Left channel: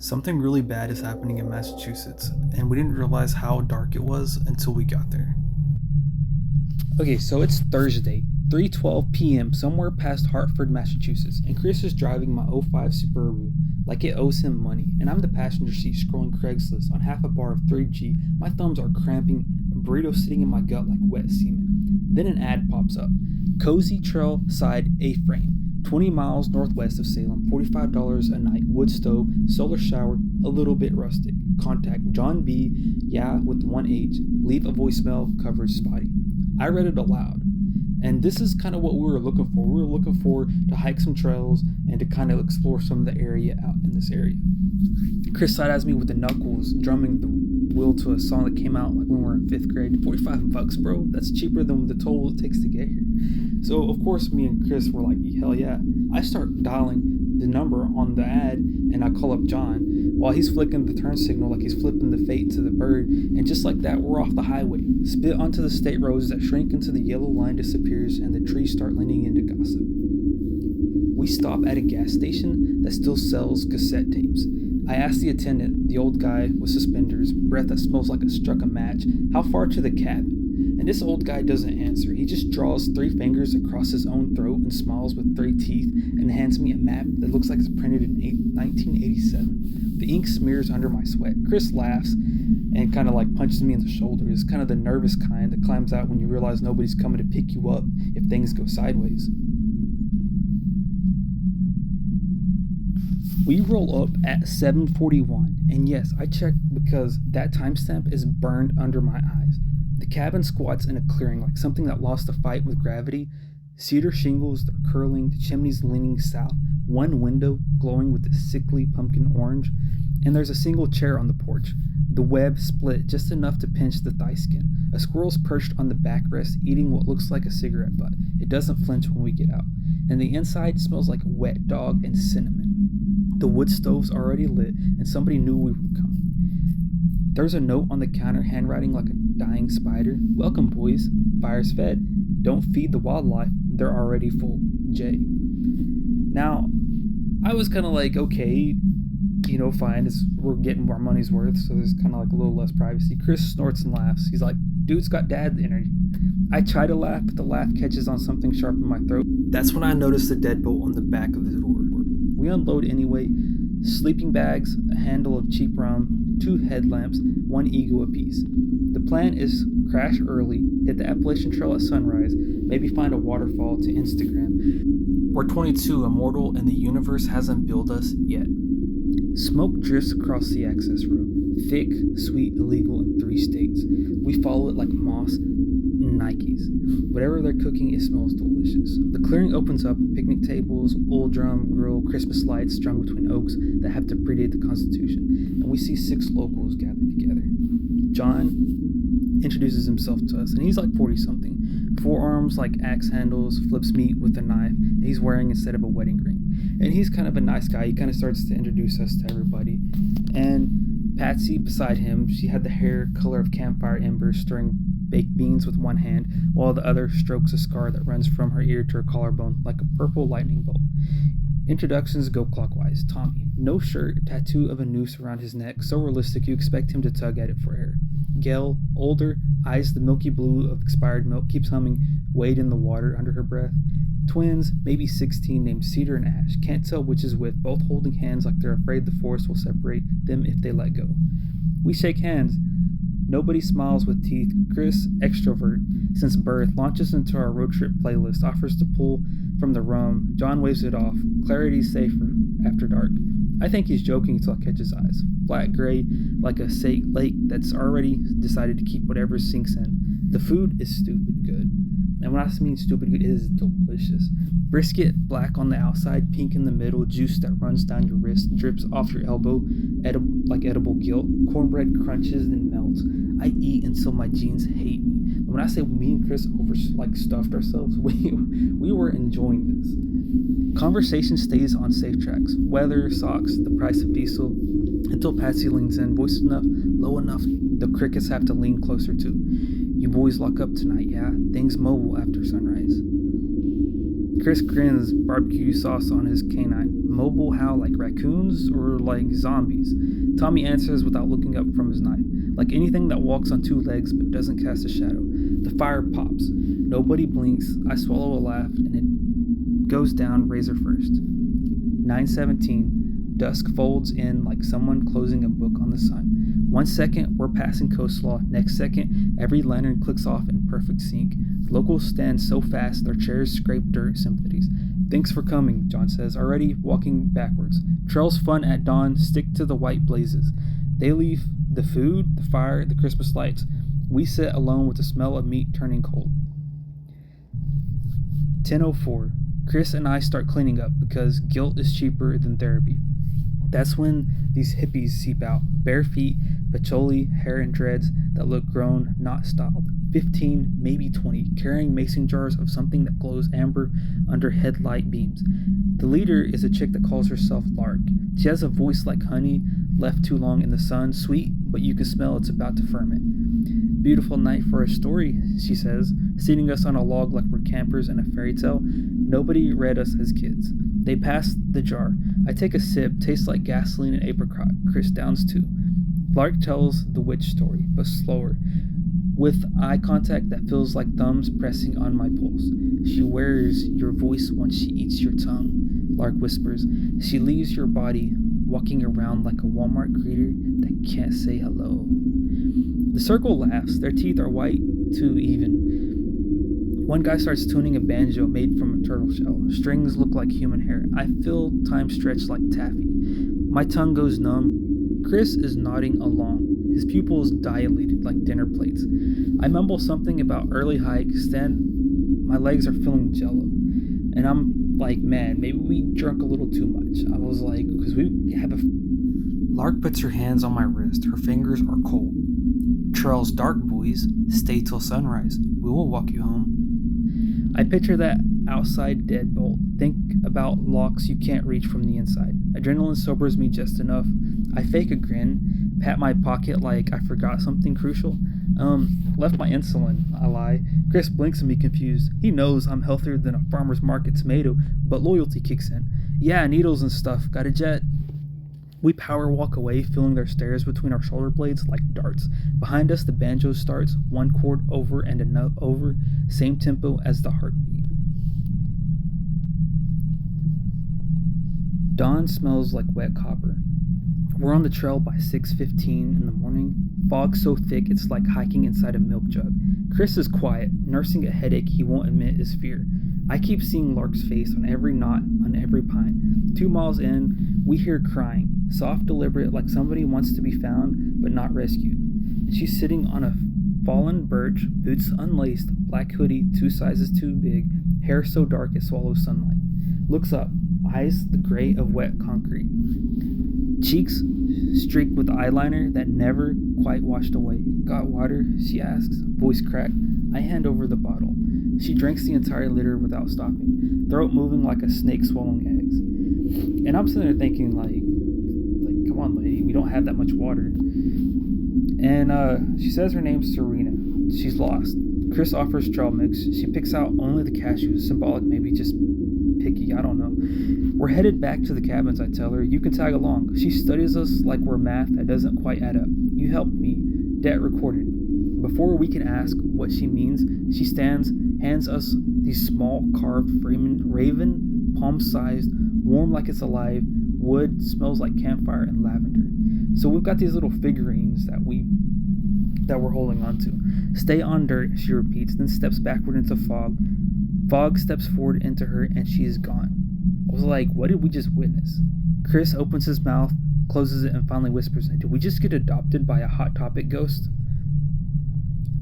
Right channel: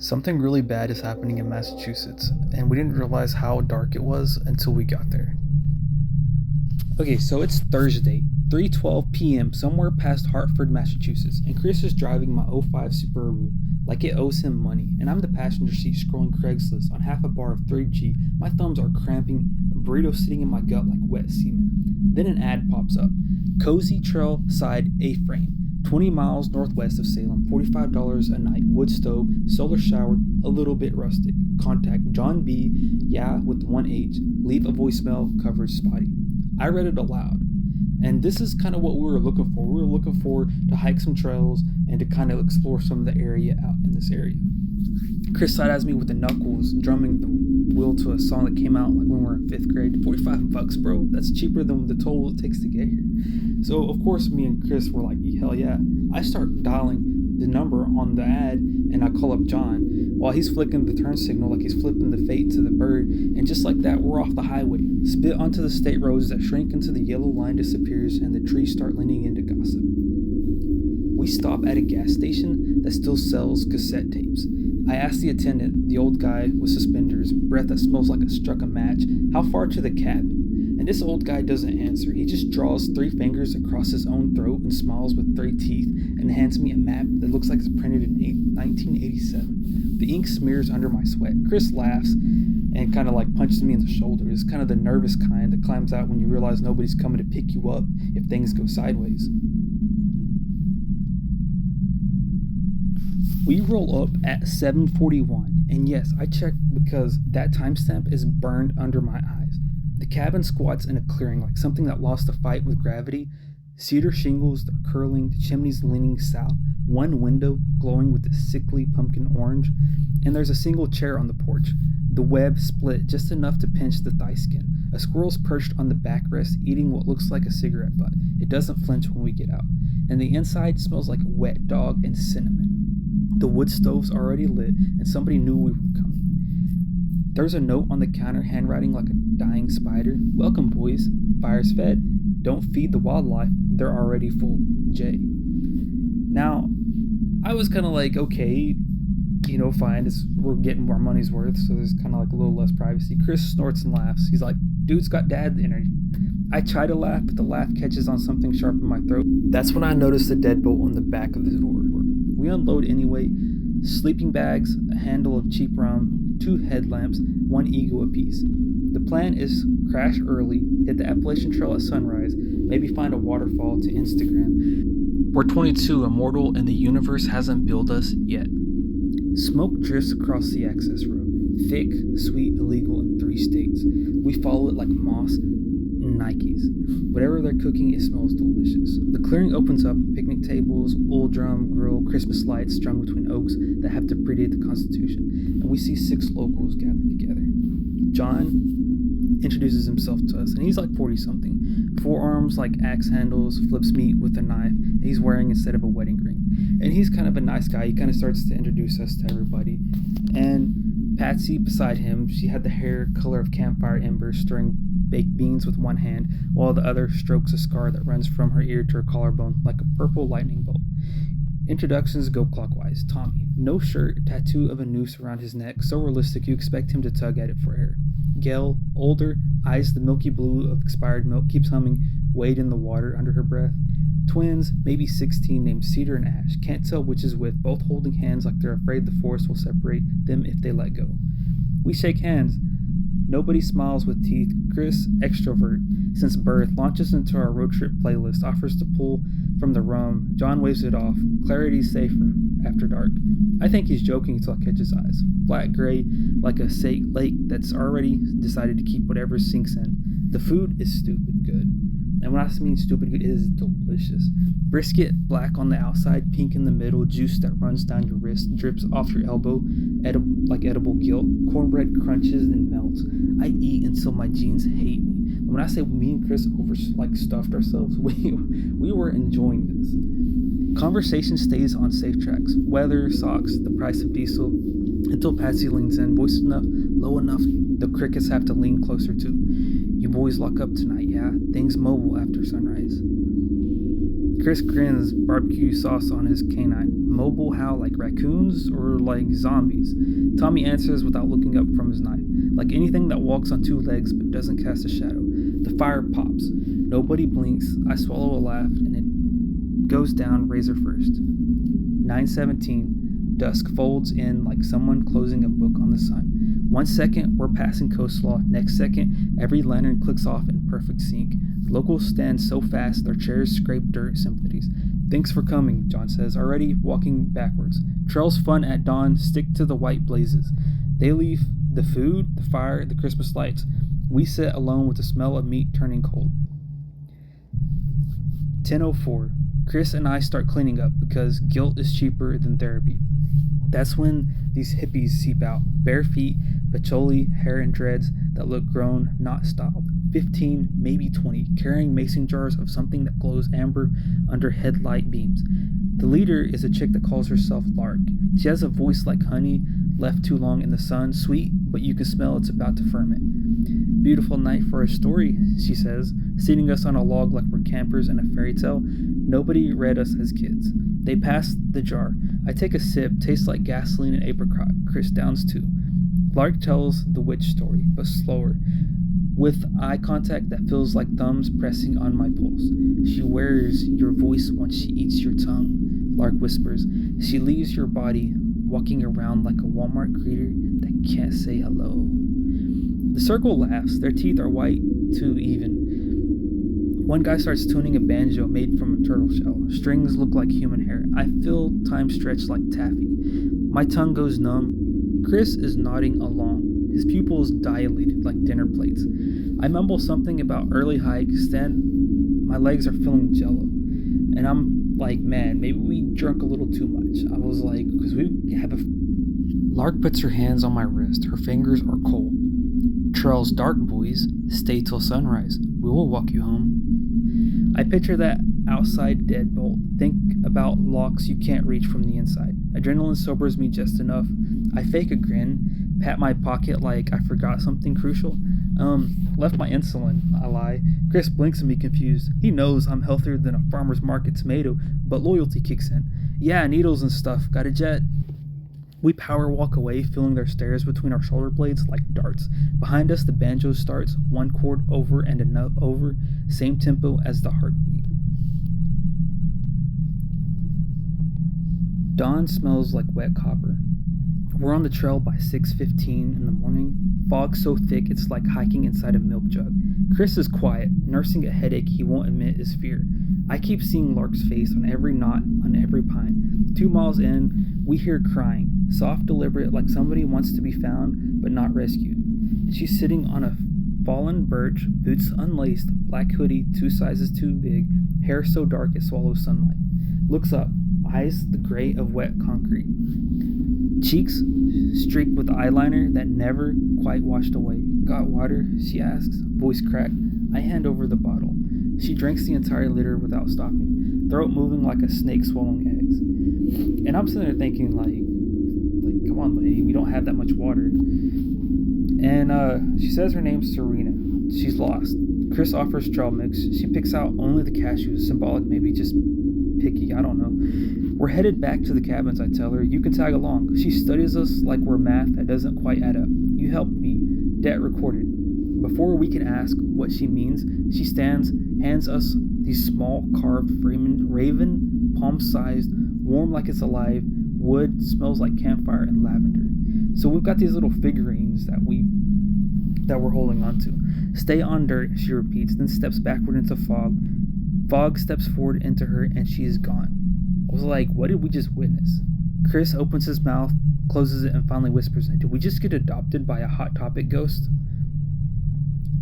Something really bad is happening in Massachusetts, and we didn't realize how dark it was until we got there. Okay, so it's Thursday, 3:12 p.m. somewhere past Hartford, Massachusetts, and Chris is driving my '05 Subaru like it owes him money, and I'm the passenger seat scrolling Craigslist on half a bar of 3G. My thumbs are cramping, a burrito sitting in my gut like wet cement. Then an ad pops up. Cozy Trail Side A-Frame. 20 miles northwest of Salem, $45 a night, wood stove, solar shower, a little bit rustic. Contact John B. Yeah with 1H. Leave a voicemail, coverage spotty. I read it aloud. And this is kind of what we were looking for. We were looking for to hike some trails and to kind of explore some of the area out in this area. Chris side-eyes me with the knuckles, drumming the wheel to a song that came out like when we were in 5th grade. $45, bro. That's cheaper than the toll it takes to get here. So, of course, me and Chris were like, hell yeah. I start dialing the number on the ad, and I call up John while he's flicking the turn signal like he's flipping the fate to the bird, and just like that, we're off the highway. Spit onto the state roads that shrink until the yellow line disappears and the trees start leaning into gossip. We stop at a gas station that still sells cassette tapes. I ask the attendant, the old guy with suspenders, breath that smells like it struck a match, how far to the cabin? And this old guy doesn't answer. He just draws 3 fingers across his own throat and smiles with 3 teeth and hands me a map that looks like it's printed in 1987. The ink smears under my sweat. Chris laughs and kind of like punches me in the shoulder. It's kind of the nervous kind that climbs out when you realize nobody's coming to pick you up if things go sideways. We roll up at 7:41, and yes, I checked because that timestamp is burned under my eyes. The cabin squats in a clearing like something that lost a fight with gravity. Cedar shingles are curling, the chimneys leaning south, one window glowing with a sickly pumpkin orange, and there's a single chair on the porch. The web split just enough to pinch the thigh skin. A squirrel's perched on the backrest, eating what looks like a cigarette butt. It doesn't flinch when we get out, and the inside smells like wet dog and cinnamon. The wood stove's already lit, and somebody knew we were coming. There's a note on the counter, handwriting like a dying spider. Welcome, boys. Fire's fed. Don't feed the wildlife. They're already full. Jay. Now, I was kind of like, okay, fine. We're getting our money's worth, so there's kind of like a little less privacy. Chris snorts and laughs. He's like, dude's got dad energy. I try to laugh, but the laugh catches on something sharp in my throat. That's when I notice the deadbolt on the back of the door. We unload anyway. Sleeping bags, a handle of cheap rum, 2 headlamps, 1 ego apiece. The plan is crash early, hit the Appalachian Trail at sunrise, maybe find a waterfall to Instagram. We're 22, immortal, and the universe hasn't billed us yet. Smoke drifts across the access road, thick, sweet, illegal in 3 states. We follow it like moss and Nikes. Whatever they're cooking, it smells delicious. The clearing opens up, picnic tables, old drum, grill, Christmas lights strung between oaks that have to predate the Constitution, and we see 6 locals gathered together. John introduces himself to us, and he's like 40-something. Forearms like axe handles, flips meat with a knife, and he's wearing instead of a wedding ring. And he's kind of a nice guy. He kind of starts to introduce us to everybody. And Patsy beside him, she had the hair color of campfire embers, stirring baked beans with one hand, while the other strokes a scar that runs from her ear to her collarbone like a purple lightning bolt. Introductions go clockwise. Tommy, no shirt, tattoo of a noose around his neck, so realistic you expect him to tug at it for air. Gail, older, eyes the milky blue of expired milk, keeps humming Wade in the Water under her breath. Twins, maybe 16, named Cedar and Ash, can't tell which is which, both holding hands like they're afraid the forest will separate them if they let go. We shake hands. Nobody smiles with teeth. Chris, extrovert since birth, launches into our road trip playlist, offers to pull from the rum. John waves it off. Clarity's safer after dark. I think he's joking until I catch his eyes. Flat gray, like a lake that's already decided to keep whatever sinks in. The food is stupid good. And when I mean stupid good, it is delicious. Brisket, black on the outside, pink in the middle, juice that runs down your wrist, drips off your elbow, edible guilt. Cornbread crunches and melts. I eat until my jeans hate me. And when I say me and Chris stuffed ourselves, we were enjoying this. Conversation stays on safe tracks. Weather, socks, the price of diesel, until Patsy leans in, voice enough, low enough, the crickets have to lean closer too. You boys lock up tonight, yeah? Things mobile after sunrise. Chris grins, barbecue sauce on his canine. Mobile how, like raccoons or like zombies? Tommy answers without looking up from his knife. Like anything that walks on two legs but doesn't cast a shadow. The fire pops. Nobody blinks. I swallow a laugh and it goes down razor first. 9:17. Dusk folds in like someone closing a book on the sun. 1 second, we're passing coastlaw. Next second, every lantern clicks off in perfect sync. Locals stand so fast, their chairs scrape dirt sympathies. Thanks for coming, John says, already walking backwards. Trails fun at dawn, stick to the white blazes. They leave the food, the fire, the Christmas lights. We sit alone with the smell of meat turning cold. 10:04. Chris and I start cleaning up because guilt is cheaper than therapy. That's when these hippies seep out, bare feet, patchouli, hair and dreads that look grown, not styled. 15, maybe 20, carrying mason jars of something that glows amber under headlight beams. The leader is a chick that calls herself Lark. She has a voice like honey, left too long in the sun, sweet, but you can smell it's about to ferment. Beautiful night for a story, she says, seating us on a log like we're campers in a fairy tale. Nobody read us as kids. They pass the jar. I take a sip, tastes like gasoline and apricot. Chris downs too. Lark tells the witch story, but slower, with eye contact that feels like thumbs pressing on my pulse. She wears your voice once she eats your tongue, Lark whispers. She leaves your body, walking around like a Walmart greeter that can't say hello. The circle laughs. Their teeth are white, too even. One guy starts tuning a banjo made from a turtle shell. Strings look like human hair. I feel time stretch like taffy. My tongue goes numb. Chris is nodding along. His pupils dilated like dinner plates. I mumble something about early hike, my legs are feeling jello. And I'm like, man, maybe we drunk a little too much. I was like, because we have a... Lark puts her hands on my wrist. Her fingers are cold. Trail's dark, boys. Stay till sunrise. We will walk you home. I picture that outside deadbolt. Think about locks you can't reach from the inside. Adrenaline sobers me just enough. I fake a grin, pat my pocket like I forgot something crucial. Left my insulin, I lie. Chris blinks at me confused. He knows I'm healthier than a farmer's market tomato, but loyalty kicks in. Yeah, needles and stuff. Got a jet. We power walk away, feeling their stares between our shoulder blades like darts. Behind us, the banjo starts, one chord over and another over, same tempo as the heartbeat. Dawn smells like wet copper. We're on the trail by 6:15 in the morning. Fog so thick it's like hiking inside a milk jug. Chris is quiet, nursing a headache he won't admit is fear. I keep seeing Lark's face on every knot, on every pine. 2 miles in, we hear crying, soft, deliberate, like somebody wants to be found but not rescued. And she's sitting on a fallen birch, boots unlaced, black hoodie 2 sizes too big, hair so dark it swallows sunlight. Looks up, eyes the gray of wet concrete. Cheeks streaked with eyeliner that never quite washed away. Got water? She asks, voice cracked. I hand over the bottle. She drinks the entire liter without stopping, throat moving like a snake swallowing eggs. And I'm sitting there thinking, like, come on, lady, we don't have that much water. And she says her name's Serena. She's lost. Chris offers trail mix. She picks out only the cashews, symbolic, maybe just picky, I don't know. We're headed back to the cabins, I tell her. You can tag along. She studies us like we're math that doesn't quite add up. You helped me. Debt recorded. Before we can ask what she means, she stands, hands us these small carved raven, palm-sized, warm like it's alive, wood, smells like campfire and lavender. So we've got these little figurines that we're holding on to. Stay on dirt, she repeats, then steps backward into fog. Fog steps forward into her and she is gone. I was like, what did we just witness? Chris opens his mouth, closes it, and finally whispers, did we just get adopted by a Hot Topic ghost?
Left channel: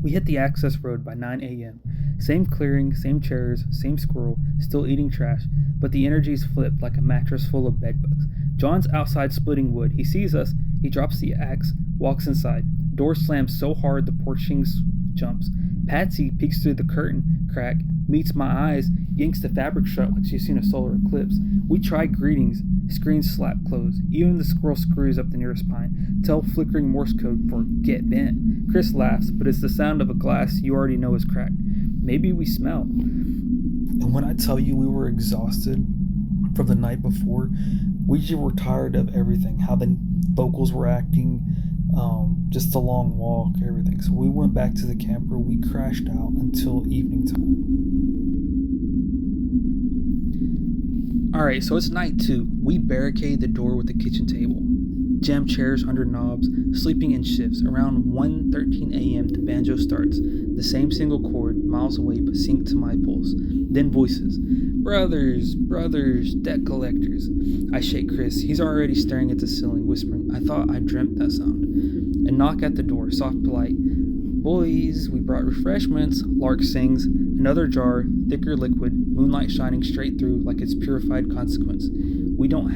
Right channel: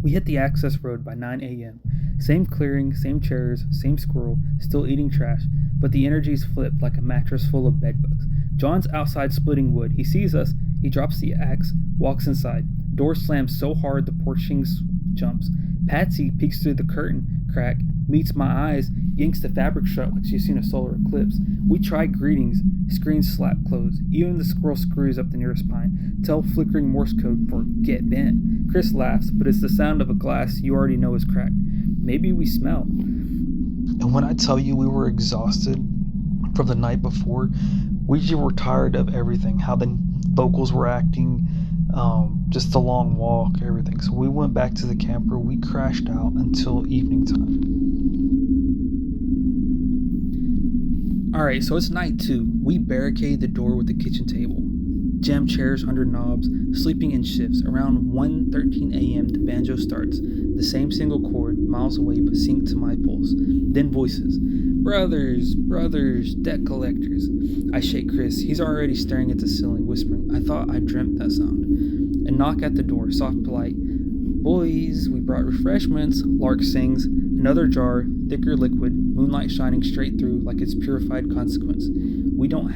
We hit the access road by 9 a.m. Same clearing, same chairs, same squirrel, still eating trash, but the energy's flipped like a mattress full of bedbugs. John's outside splitting wood. He sees us, he drops the axe, walks inside. Door slams so hard the porching jumps. Patsy peeks through the curtain crack, meets my eyes, yanks the fabric shut like she's seen a solar eclipse. We try greetings, screens slap closed. Even the squirrel screws up the nearest pine. Tell flickering Morse code for get bent. Chris laughs, but it's the sound of a glass you already know is cracked. Maybe we smell. And when I tell you we were exhausted from the night before, we just were tired of everything, how the locals were acting, just the long walk, everything. So we went back to the camper. We crashed out until evening time. Alright, so it's night 2. We barricade the door with the kitchen table. Jam chairs under knobs, sleeping in shifts. Around 1:13 a.m. the banjo starts. The same single chord, miles away but synced to my pulse. Then voices. Brothers, debt collectors. I shake Chris. He's already staring at the ceiling, whispering, I thought I dreamt that sound. A knock at the door, soft, polite. Boys, we brought refreshments. Lark sings. Another jar, thicker liquid, moonlight shining straight through like its purified consequence. We don't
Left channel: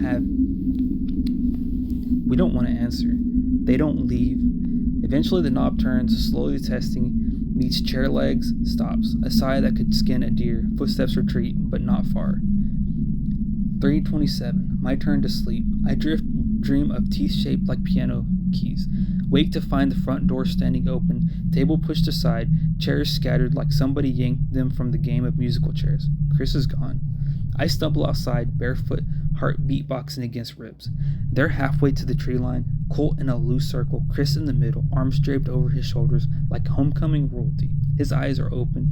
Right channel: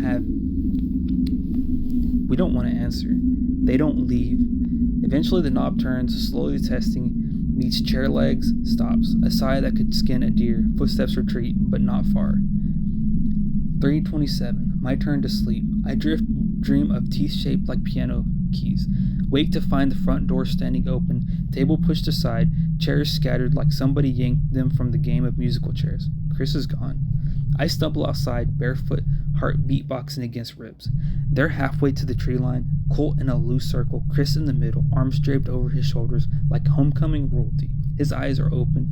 want to answer. They don't leave. Eventually the knob turns, slowly testing, meets chair legs, stops. A sigh that could skin a deer. Footsteps retreat, but not far. 3:27. My turn to sleep. I dream of teeth shaped like piano keys. Wake to find the front door standing open, table pushed aside, chairs scattered like somebody yanked them from the game of musical chairs. Chris is gone. I stumble outside, barefoot, heart beatboxing against ribs. They're halfway to the tree line, Colt in a loose circle, Chris in the middle, arms draped over his shoulders like homecoming royalty. His eyes are open,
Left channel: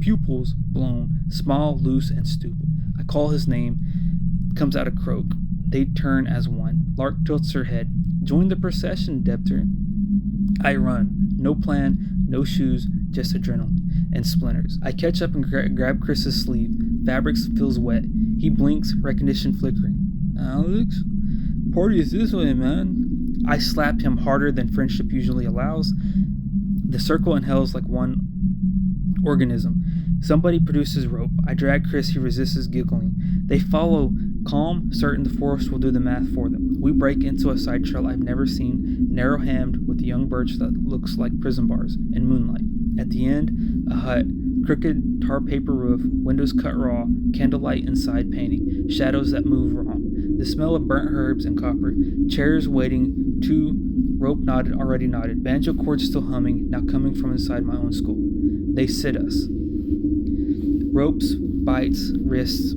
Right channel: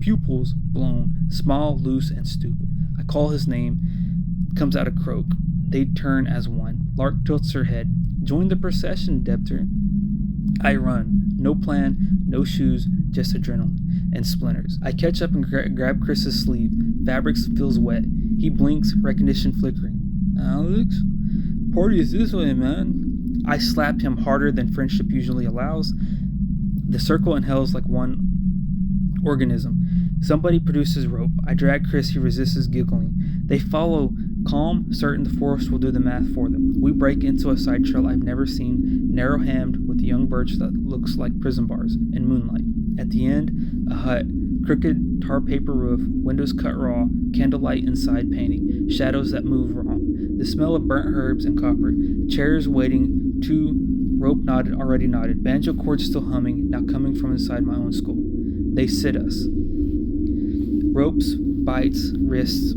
pupils blown, smile loose and stupid. I call his name, comes out a croak. They turn as one. Lark tilts her head. Join the procession, Debtor. I run. No plan, no shoes, just adrenaline and splinters. I catch up and grab Chris's sleeve. Fabric feels wet. He blinks, recognition flickering. Alex? Party is this way, man. I slap him harder than friendship usually allows. The circle inhales like one organism. Somebody produces rope. I drag Chris. He resists, giggling. They follow, calm, certain the forest will do the math for them. We break into a side trail I've never seen, narrow-hammed with young birch that looks like prison bars in moonlight. At the end, a hut, crooked tar paper roof, windows cut raw, candlelight inside painting, shadows that move wrong. The smell of burnt herbs and copper, chairs waiting, rope already knotted, banjo chords still humming, now coming from inside my own skull. They sit us. Ropes, bites, wrists.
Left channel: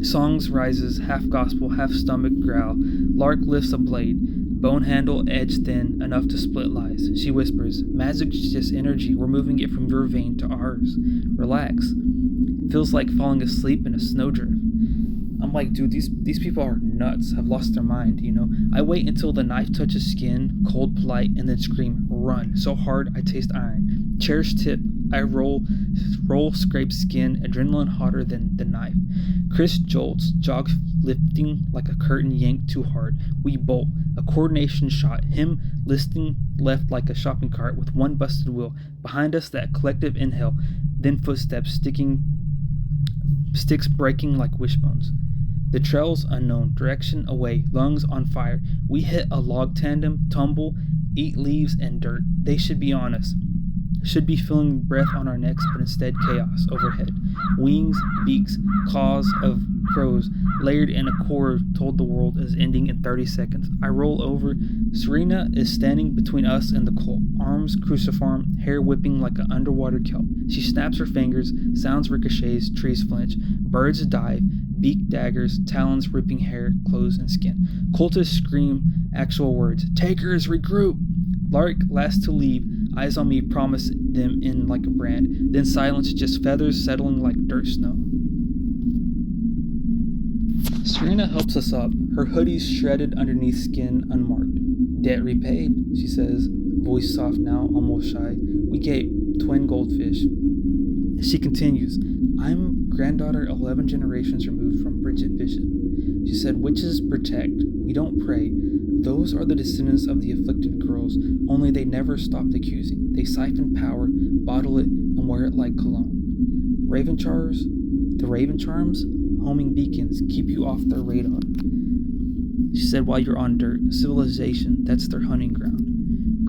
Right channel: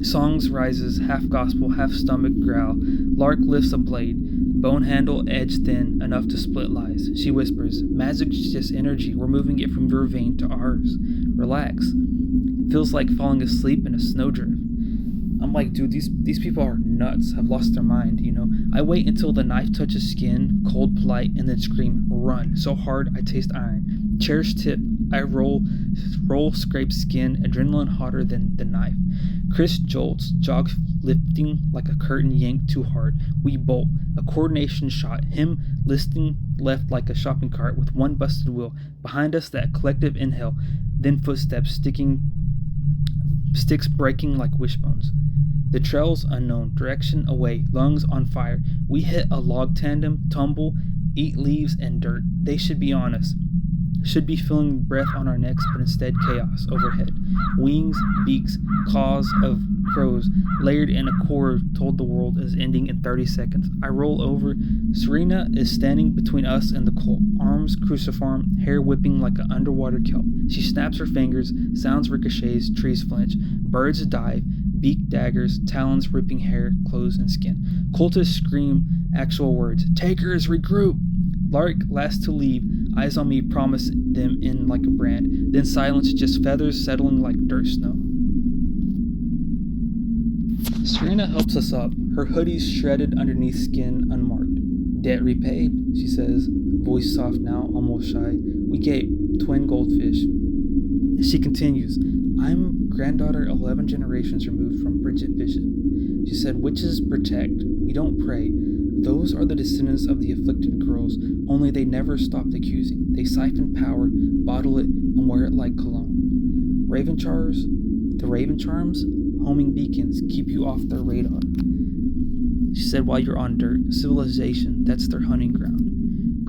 Songs rises, half gospel, half stomach growl. Lark lifts a blade, bone handle edge thin, enough to split lies. She whispers, magic's just energy, we're moving it from your vein to ours. Relax. Feels like falling asleep in a snowdrift. I'm like, dude, these people are nuts, have lost their mind, you know? I wait until the knife touches skin, cold, polite, and then scream, run, so hard I taste iron. Chairs tip, I roll, scrape skin, adrenaline hotter than the knife. Chris jolts, jogs lifting like a curtain yanked too hard. We bolt, a coordination shot, him listing left like a shopping cart with one busted wheel. Behind us, that collective inhale, then footsteps, sticks breaking like wishbones. The trail's unknown, direction away, lungs on fire. We hit a log tandem, tumble, eat leaves and dirt. They should be on us. Should be feeling breath on our necks, but instead chaos overhead. Wings, beaks, claws of crows, layered in a core told the world is ending in 30 seconds. I roll over. Serena is standing between us and the colt, arms cruciform, hair whipping like an underwater kelp. She snaps her fingers, sounds ricochets, trees flinch, birds dive, beak daggers, talons ripping hair, clothes, and skin. Cultists scream actual words. Takers, regroup! Lark, last to leave, eyes on me, promise them in like a brand. Then silence, just feathers settling like dirt snow. Serena helps us up, her hoodie's shredded underneath skin unmarked. Debt repaid, she says, voice soft now, almost shy. We gave twin goldfish. She continues, I'm granddaughter 11 generations removed from Bridget Bishop. She said, witches protect, we don't pray. Those are the descendants of the afflicted girls, only they never stopped accusing. They siphon power, bottle it, and wear it like cologne. The raven charms, homing beacons, keep you off their radar. She said, while you're on dirt, civilization, that's their hunting ground.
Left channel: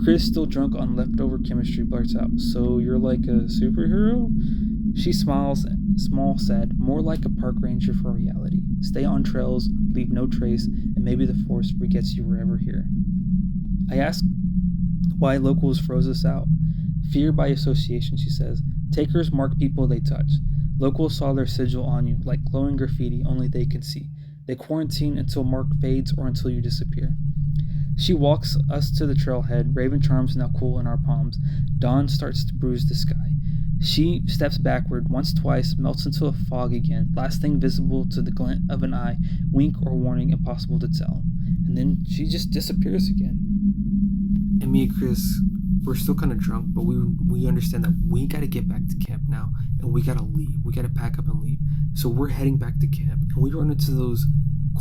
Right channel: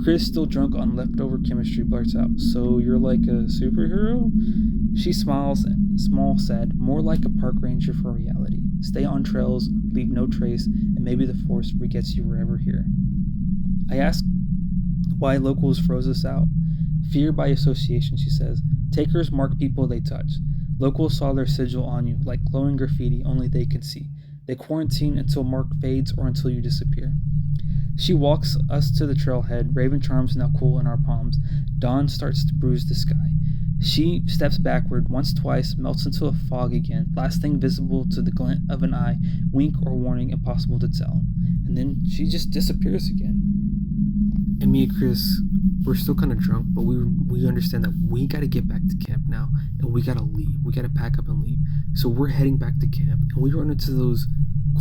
Chris, still drunk on leftover chemistry, blurts out, so you're like a superhero? She smiles, small, sad, more like a park ranger for reality. Stay on trails, leave no trace, and maybe the force forgets you were ever here. I ask why locals froze us out. Fear by association, she says. Takers mark people they touch. Locals saw their sigil on you, like glowing graffiti only they could see. They quarantine until Mark fades or until you disappear. She walks us to the trailhead, raven charms now cool in our palms. Dawn starts to bruise the sky. She steps backward once, twice, melts into a fog again, last thing visible to the glint of an eye, wink or warning impossible to tell. And then she just disappears again. And me and Chris, we're still kind of drunk, but we understand that we got to get back to camp now, and we got to leave. We got to pack up and leave. So we're heading back to camp, and we run into those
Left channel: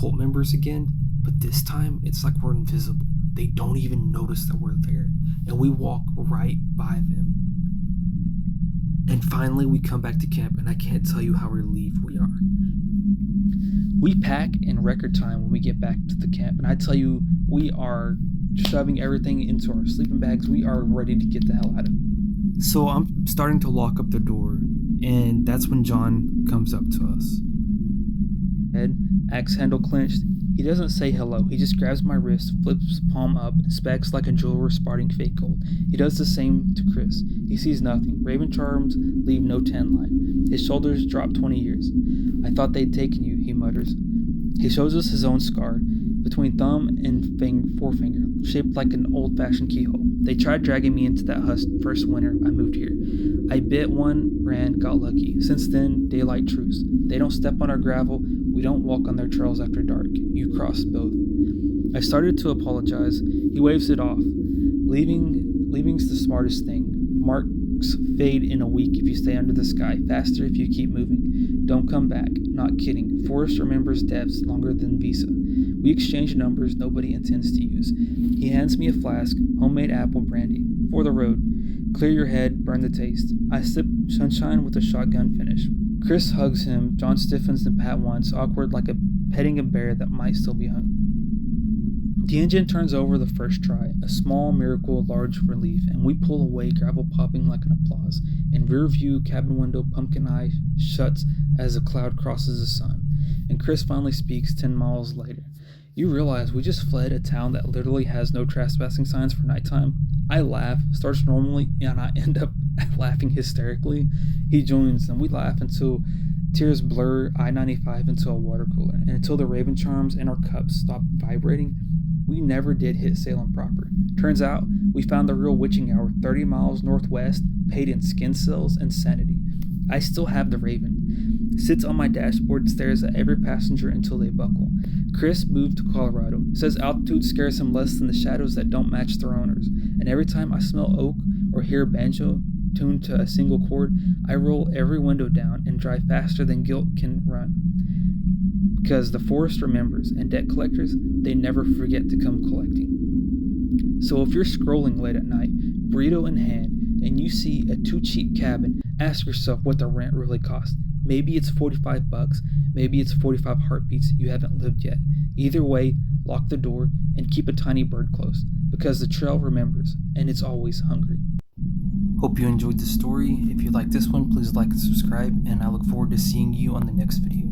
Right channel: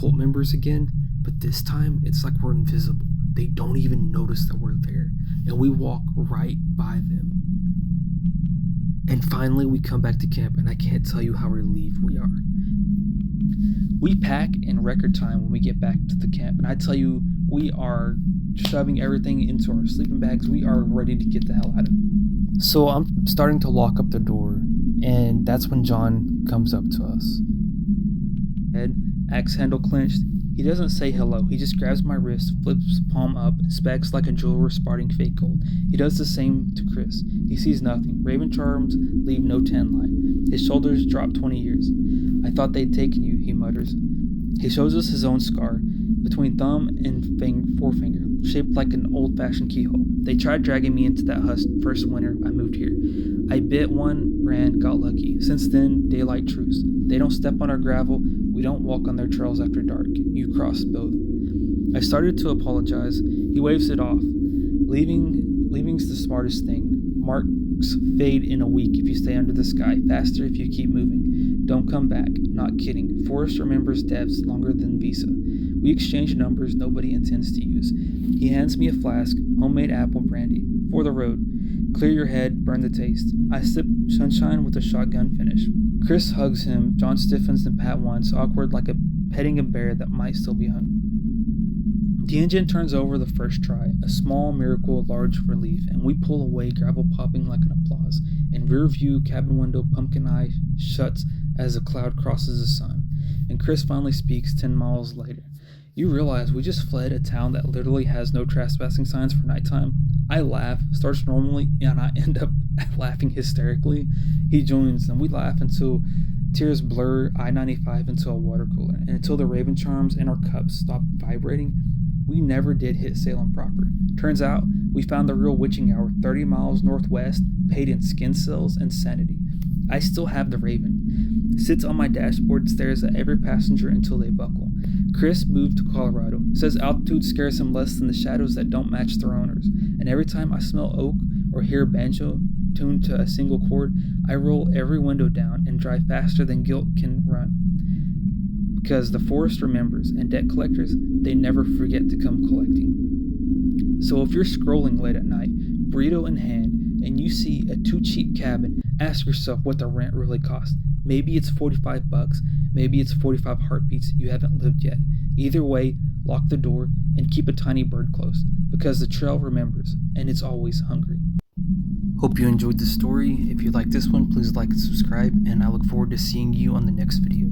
cult members again, but this time it's like we're invisible. They don't even notice that we're there, and we walk right by them. And finally we come back to camp, and I can't tell you how relieved we are. We pack in record time when we get back to the camp, and I tell you, we are shoving everything into our sleeping bags. We are ready to get the hell out of it. So I'm starting to lock up the door, and that's when John comes up to us. Head, axe handle clenched. He doesn't say hello. He just grabs my wrist, flips palm up, and specs like a jeweler spotting fake gold. He does the same to Chris. He sees nothing. Raven charms leave no tan line. His shoulders drop 20 years. I thought they'd taken you, he mutters. He shows us his own scar, between thumb and forefinger, shaped like an old-fashioned keyhole. They tried dragging me into that husk first winter I moved here. I bit one, ran, got lucky. Since then, daylight truce. They don't step on our gravel. We don't walk on their trails after dark. You crossed both. I started to apologize. He waves it off. Leaving's the smartest thing. Marks fade in a week if you stay under the sky. Faster if you keep moving. Don't come back. Not kidding. Forrest remembers depths longer than Visa. We exchange numbers nobody intends to use. He hands me a flask, homemade apple brandy. For the road. Clear your head, burn the taste. I sip sunshine with a shotgun finish. Chris hugs him. John stiffens and pat once, awkward like petting a bear that might still be hungry. The engine turns over the first try, a small miracle, large relief, and we pull away, gravel popping like an applause. In rear view, cabin window, pumpkin eye shuts as a cloud crosses the sun. And Chris finally speaks 10 miles later. You realize we just fled a town that literally has no trespassing signs for nighttime? I laugh, starts normally, and I end up laughing hysterically. He joins, and we laugh until tears blur I-95 into a water cooler, and until the raven charms in our cups stop vibrating. We never did hit Salem proper. Turns out, we found the real witching hour 30 miles northwest, paid in skin cells and sanity. I still have the raven. Sits on my dashboard, stares at every passenger until they buckle. Chris moved to Colorado. Says altitude scares him less than the shadows that don't match their owners. And every time I smell oak or hear banjo tuned to a single chord, I roll every window down and drive faster than guilt can run. Because the forest remembers, and debt collectors, they never forget to come collecting. So if you're scrolling late at night, burrito in hand, and you see a too cheap cabin, ask yourself what the rent really costs. Maybe it's $45, maybe it's 45 heartbeats you haven't lived yet. Either way, lock the door and keep a tiny bird close, because the trail remembers, and it's always hungry. Hope you enjoyed the story. If you like this one, please like and subscribe, and I look forward to seeing you on the next video.